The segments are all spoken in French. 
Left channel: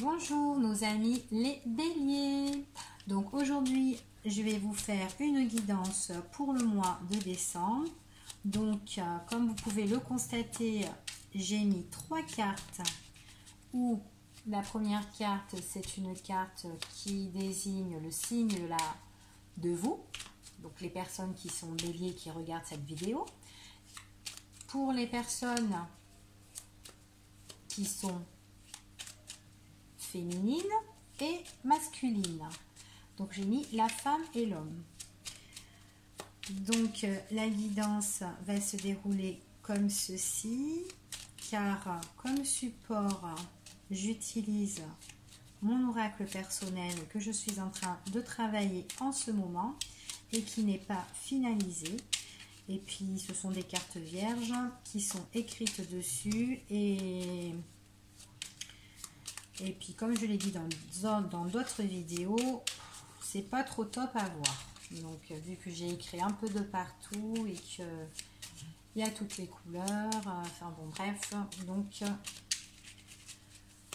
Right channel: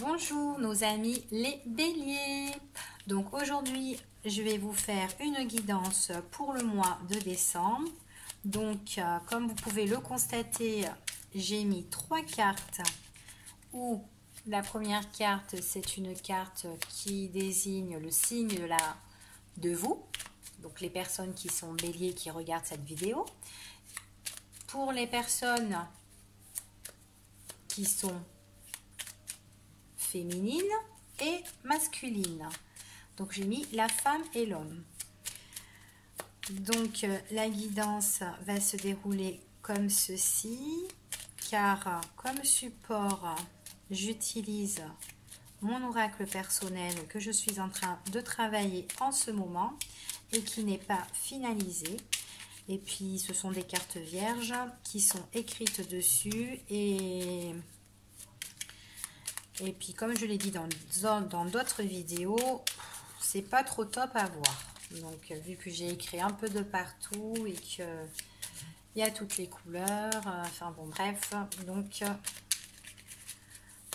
Bonjour nos amis les béliers. Donc aujourd'hui je vais vous faire une guidance pour le mois de décembre. Donc comme vous pouvez le constater, j'ai mis 3 cartes où la première carte c'est une carte qui désigne le signe de vous. Donc les personnes qui sont béliers qui regardent cette vidéo. Pour les personnes qui sont féminine et masculine. Donc j'ai mis la femme et l'homme. Donc la guidance va se dérouler comme ceci, car comme support j'utilise mon oracle personnel que je suis en train de travailler en ce moment et qui n'est pas finalisé. Et puis ce sont des cartes vierges qui sont écrites dessus et puis comme je l'ai dit dans d'autres vidéos, c'est pas trop top à voir. Donc vu que j'ai écrit un peu de partout et que il y a toutes les couleurs, enfin bon bref,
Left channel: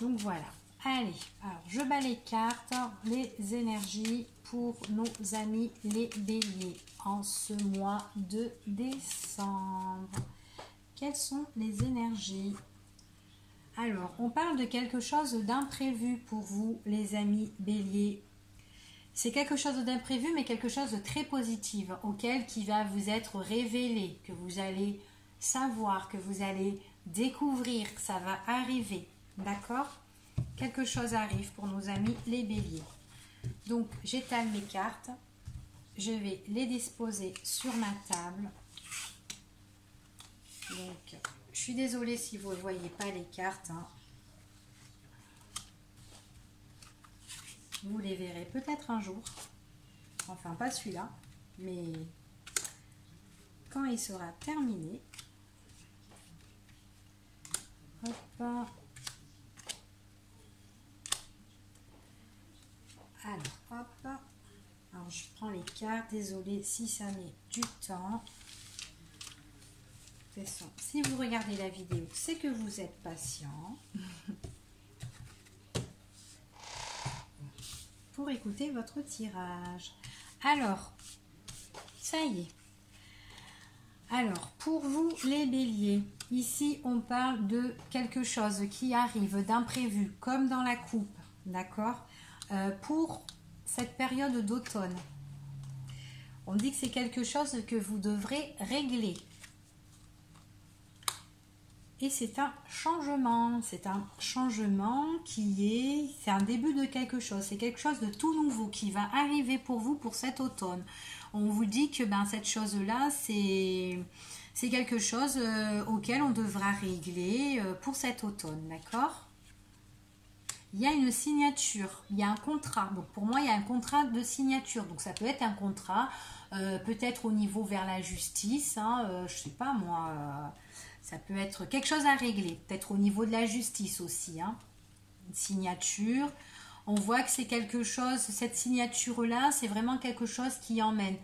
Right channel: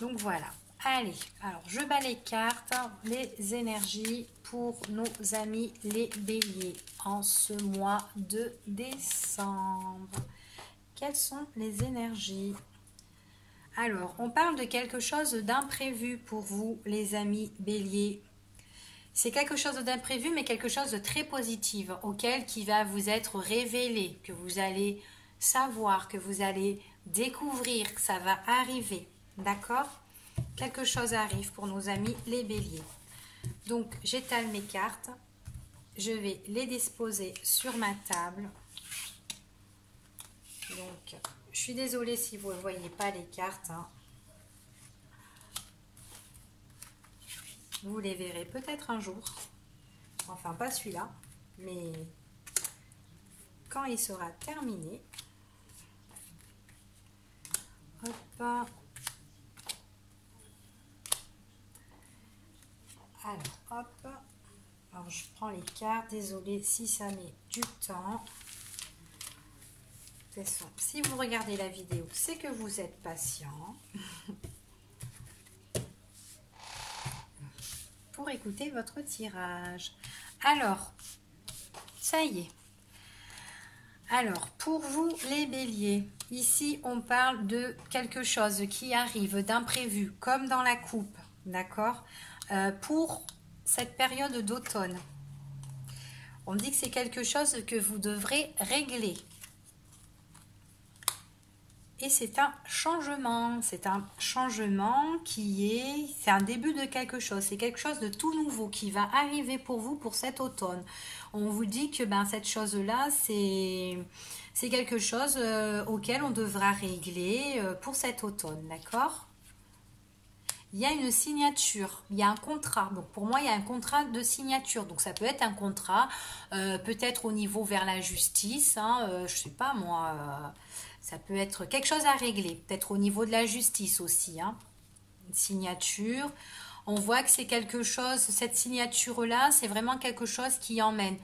donc voilà. Allez, alors je bats les cartes, les énergies pour nos amis les béliers en ce mois de décembre. Quelles sont les énergies ? Alors, on parle de quelque chose d'imprévu pour vous, les amis béliers. C'est quelque chose d'imprévu, mais quelque chose de très positif, qui va vous être révélé, que vous allez savoir, que vous allez découvrir, que ça va arriver. D'accord ? Quelque chose arrive pour nos amis les béliers. Donc, j'étale mes cartes. Je vais les disposer sur ma table. Donc, je suis désolée si vous ne voyez pas les cartes. Vous les verrez peut-être un jour. Enfin, pas celui-là. Mais quand il sera terminé. Hop. Alors, hop. Alors, je prends les cartes. Désolée si ça met du temps. De toute façon, si vous regardez la vidéo, c'est que vous êtes patient pour écouter votre tirage. Alors, ça y est. Alors, pour vous les béliers, ici on parle de quelque chose qui arrive d'imprévu, comme dans la coupe, d'accord, pour cette période d'automne. On dit que c'est quelque chose que vous devrez régler. Et c'est un changement c'est un début de quelque chose, c'est quelque chose de tout nouveau qui va arriver pour vous pour cet automne. On vous dit que cette chose-là, c'est quelque chose auquel on devra régler pour cet automne, d'accord ? Il y a une signature, il y a un contrat. Donc pour moi, il y a un contrat de signature. Donc ça peut être un contrat, peut-être au niveau vers la justice, je sais pas moi... ça peut être quelque chose à régler, peut-être au niveau de la justice aussi. Une signature, on voit que c'est quelque chose, cette signature-là, c'est vraiment quelque chose qui emmène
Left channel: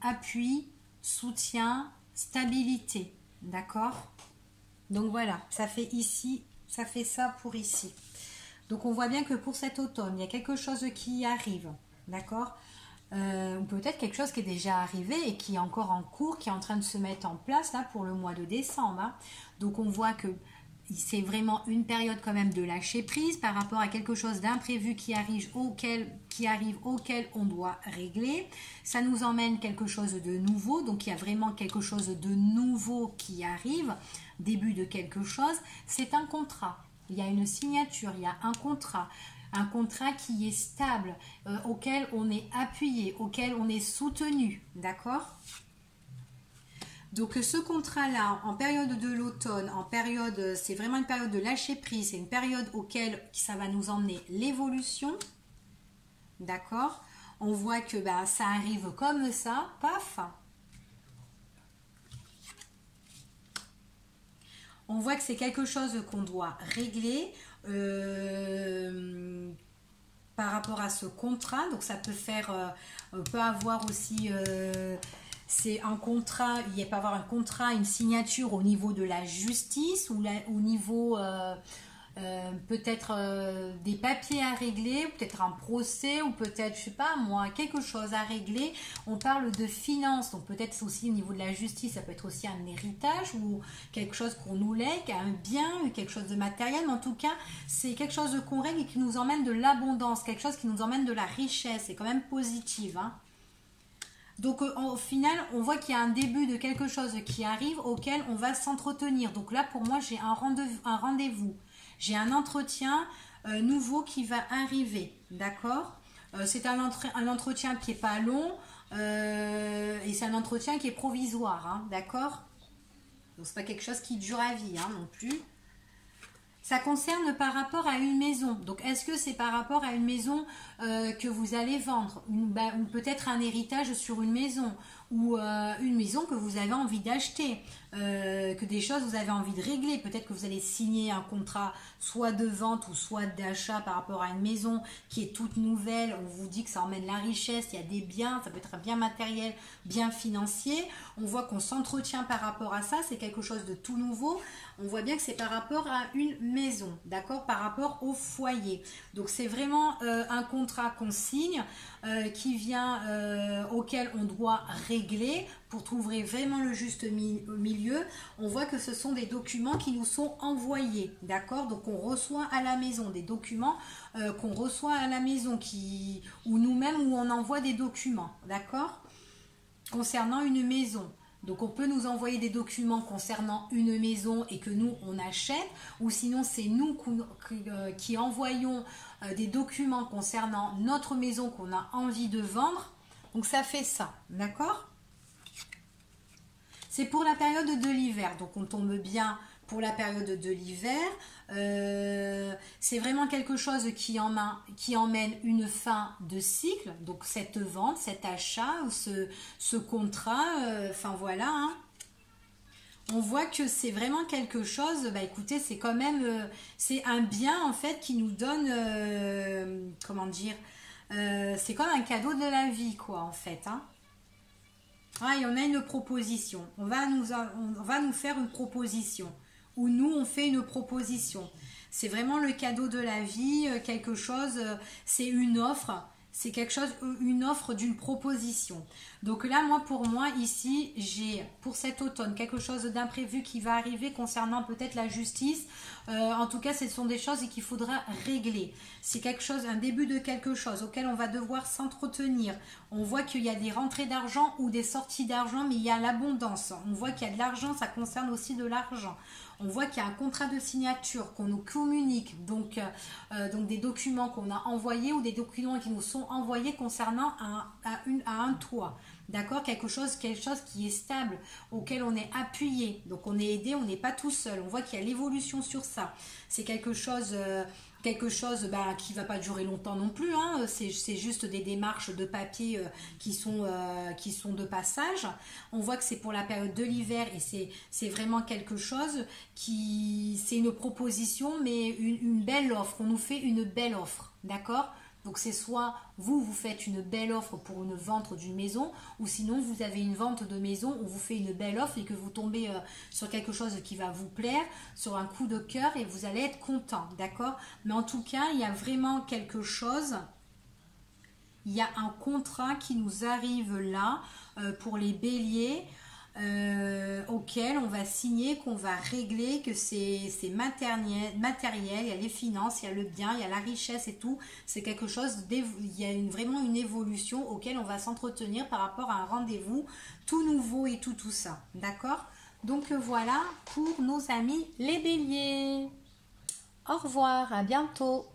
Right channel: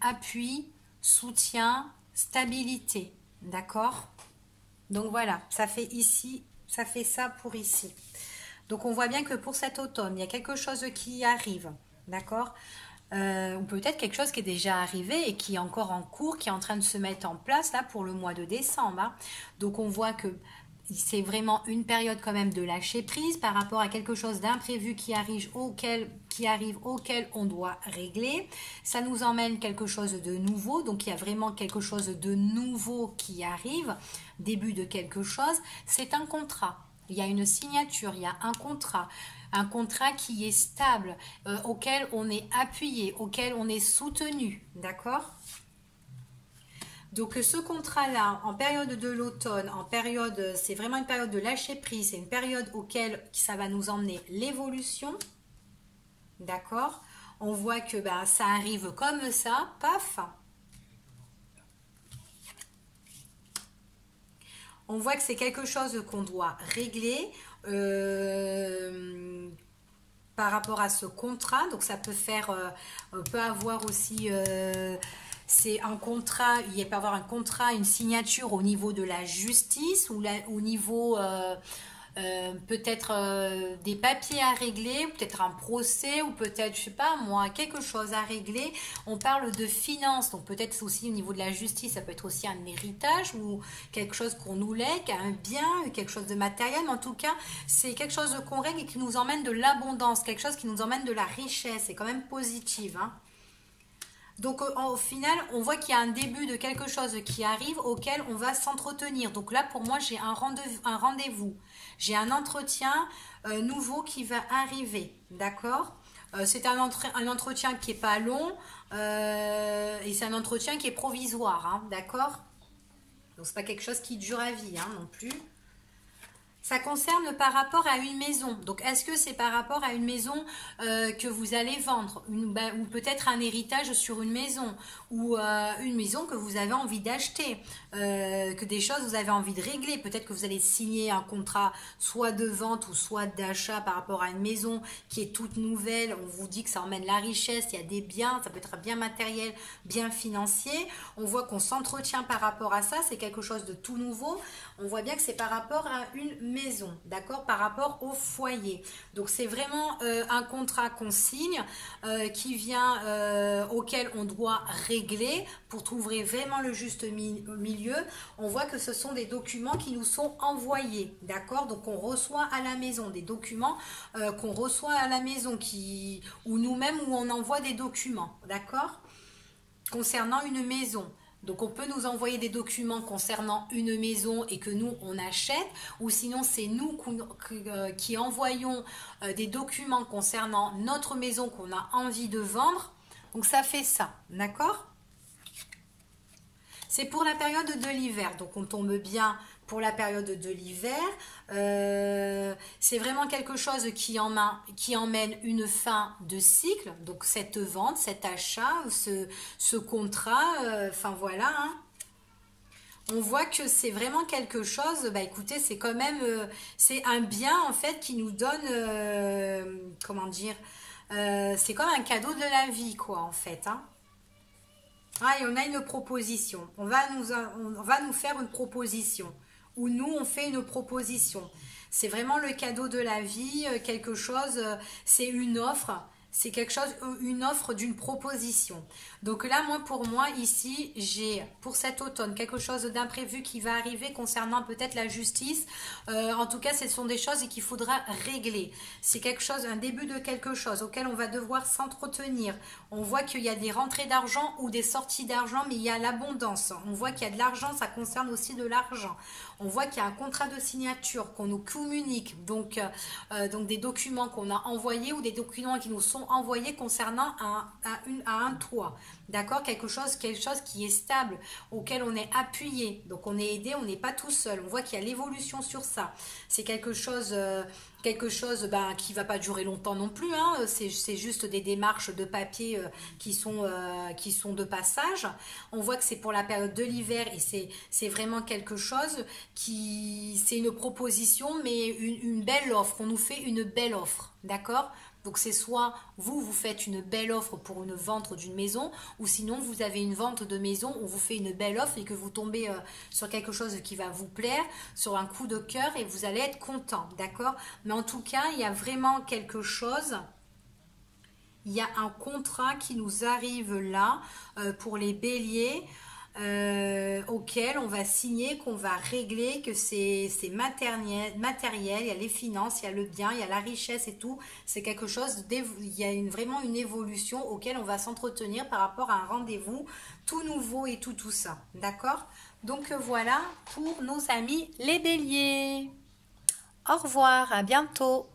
appui, soutien, stabilité. D'accord ? Donc voilà, ça fait ici, ça fait ça pour ici. Donc on voit bien que pour cet automne, il y a quelque chose qui arrive. D'accord ? Peut-être quelque chose qui est déjà arrivé et qui est encore en cours, qui est en train de se mettre en place là pour le mois de décembre. Donc on voit que c'est vraiment une période quand même de lâcher prise par rapport à quelque chose d'imprévu qui arrive auquel on doit régler. Ça nous emmène quelque chose de nouveau, donc il y a vraiment quelque chose de nouveau qui arrive, début de quelque chose. C'est un contrat, il y a une signature, il y a un contrat qui est stable, auquel on est appuyé, auquel on est soutenu, d'accord ? Donc ce contrat-là, en période de l'automne, c'est vraiment une période de lâcher prise, c'est une période auquel ça va nous emmener l'évolution, d'accord ? On voit que ça arrive comme ça, paf. On voit que c'est quelque chose qu'on doit régler par rapport à ce contrat. Donc ça peut faire, on peut avoir aussi, c'est un contrat, il peut y avoir un contrat, une signature au niveau de la justice ou au niveau peut-être des papiers à régler, peut-être un procès, ou peut-être, je sais pas moi, quelque chose à régler. On parle de finances, donc peut-être aussi au niveau de la justice, ça peut être aussi un héritage ou quelque chose qu'on nous lègue, un bien, quelque chose de matériel, mais en tout cas, c'est quelque chose qu'on règle et qui nous emmène de l'abondance, quelque chose qui nous emmène de la richesse, c'est quand même positif, hein. Donc au final, on voit qu'il y a un début de quelque chose qui arrive auquel on va s'entretenir. Donc là, pour moi, j'ai un rendez-vous. J'ai un entretien nouveau qui va arriver. D'accord. C'est un entretien qui n'est pas long et c'est un entretien qui est provisoire. Hein, d'accord. Donc c'est pas quelque chose qui dure à vie, hein, non plus. Ça concerne par rapport à une maison. Donc, est-ce que c'est par rapport à une maison que vous allez vendre ou peut-être un héritage sur une maison ou une maison que vous avez envie d'acheter, que des choses vous avez envie de régler. Peut-être que vous allez signer un contrat soit de vente ou soit d'achat par rapport à une maison qui est toute nouvelle. On vous dit que ça emmène la richesse, il y a des biens, ça peut être un bien matériel, bien financier. On voit qu'on s'entretient par rapport à ça, c'est quelque chose de tout nouveau. On voit bien que c'est par rapport à une maison, d'accord, par rapport au foyer. Donc c'est vraiment un contrat qu'on signe qui vient auquel on doit régler pour trouver vraiment le juste milieu. On voit que ce sont des documents qui nous sont envoyés, d'accord. Donc on reçoit à la maison des documents qu'on reçoit à la maison ou nous-mêmes où on envoie des documents, d'accord, concernant une maison. Donc on peut nous envoyer des documents concernant une maison et que nous on achète, ou sinon c'est nous qui envoyons des documents concernant notre maison qu'on a envie de vendre. Donc ça fait ça, d'accord? C'est pour la période de l'hiver, donc on tombe bien pour la période de l'hiver. C'est vraiment quelque chose qui emmène une fin de cycle, donc cette vente, cet achat, ce contrat, enfin voilà, hein. On voit que c'est vraiment quelque chose, bah écoutez, c'est quand même, c'est un bien en fait qui nous donne, comment dire, c'est comme un cadeau de la vie quoi en fait, hein. Ah, et on a une proposition, on va nous faire une proposition. Où nous, on fait une proposition. C'est vraiment le cadeau de la vie, quelque chose, c'est une offre, c'est quelque chose, une offre d'une proposition. Donc là, pour moi, ici, j'ai pour cet automne quelque chose d'imprévu qui va arriver concernant peut-être la justice. En tout cas, ce sont des choses qu'il faudra régler. C'est quelque chose, un début de quelque chose auquel on va devoir s'entretenir. On voit qu'il y a des rentrées d'argent ou des sorties d'argent, mais il y a l'abondance. On voit qu'il y a de l'argent, ça concerne aussi de l'argent. On voit qu'il y a un contrat de signature qu'on nous communique, donc des documents qu'on a envoyés ou des documents qui nous sont envoyés concernant un toit. D'accord, quelque chose qui est stable, auquel on est appuyé. Donc on est aidé, on n'est pas tout seul. On voit qu'il y a l'évolution sur ça. C'est quelque chose qui va pas durer longtemps non plus, hein. C'est juste des démarches de papier qui sont de passage. On voit que c'est pour la période de l'hiver et c'est vraiment quelque chose c'est une proposition, mais une belle offre. On nous fait une belle offre, d'accord? Donc c'est soit vous faites une belle offre pour une vente d'une maison, ou sinon vous avez une vente de maison où vous faites une belle offre et que vous tombez sur quelque chose qui va vous plaire, sur un coup de cœur et vous allez être content, d'accord? Mais en tout cas, il y a vraiment quelque chose, il y a un contrat qui nous arrive là pour les béliers. Auquel on va signer, qu'on va régler, que c'est matériel, il y a les finances, il y a le bien, il y a la richesse et tout. C'est quelque chose, il y a vraiment une évolution auquel on va s'entretenir par rapport à un rendez-vous tout nouveau et tout ça. D'accord? Donc voilà pour nos amis les béliers. Au revoir, à bientôt.